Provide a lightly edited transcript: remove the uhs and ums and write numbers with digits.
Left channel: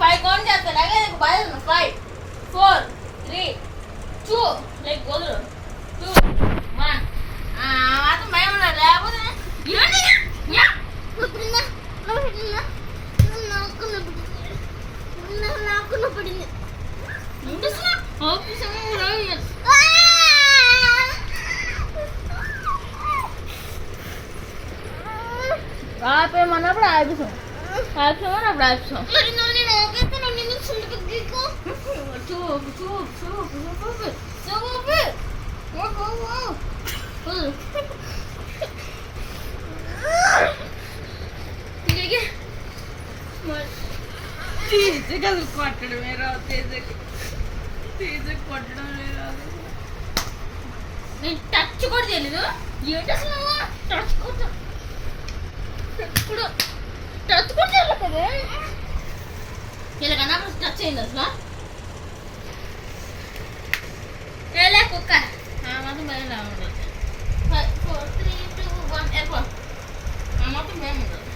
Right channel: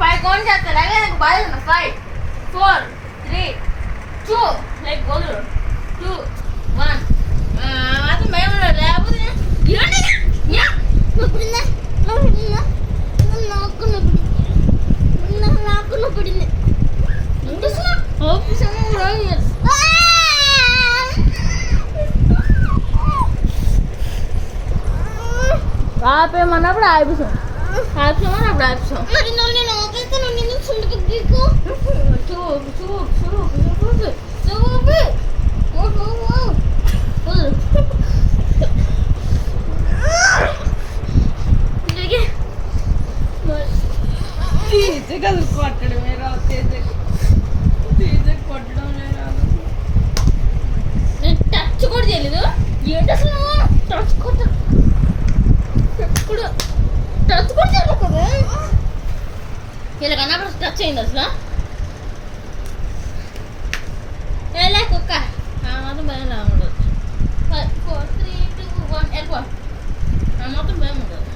5 count చేస్తా అలాగే నాకు బాధ 5 4 3 2 లైక్ గోలు 2 1 మాత్రం భయం ఉండదు లేకపోతే నాకున్న పడింది ఆపేమన్నప్పుడు ఆపిస్తాం ఆపిస్తామన్నప్పుడు ఆపిస్తాం తేజకు కొట్టడమే రాదు తేజకి కొట్టడమే రాదు నేను టచ్ కూడా తెలీదు ఏంటి అసలు టచ్ కూడా తెలియదు కదా ఇలాగన్నా టచ్ అయింది అసలు ఎలా కుక్క మాత్రం భయం ఉండదు 5 4 3 2 1 వెళ్ళిపో మాత్రం భయం ఉండదు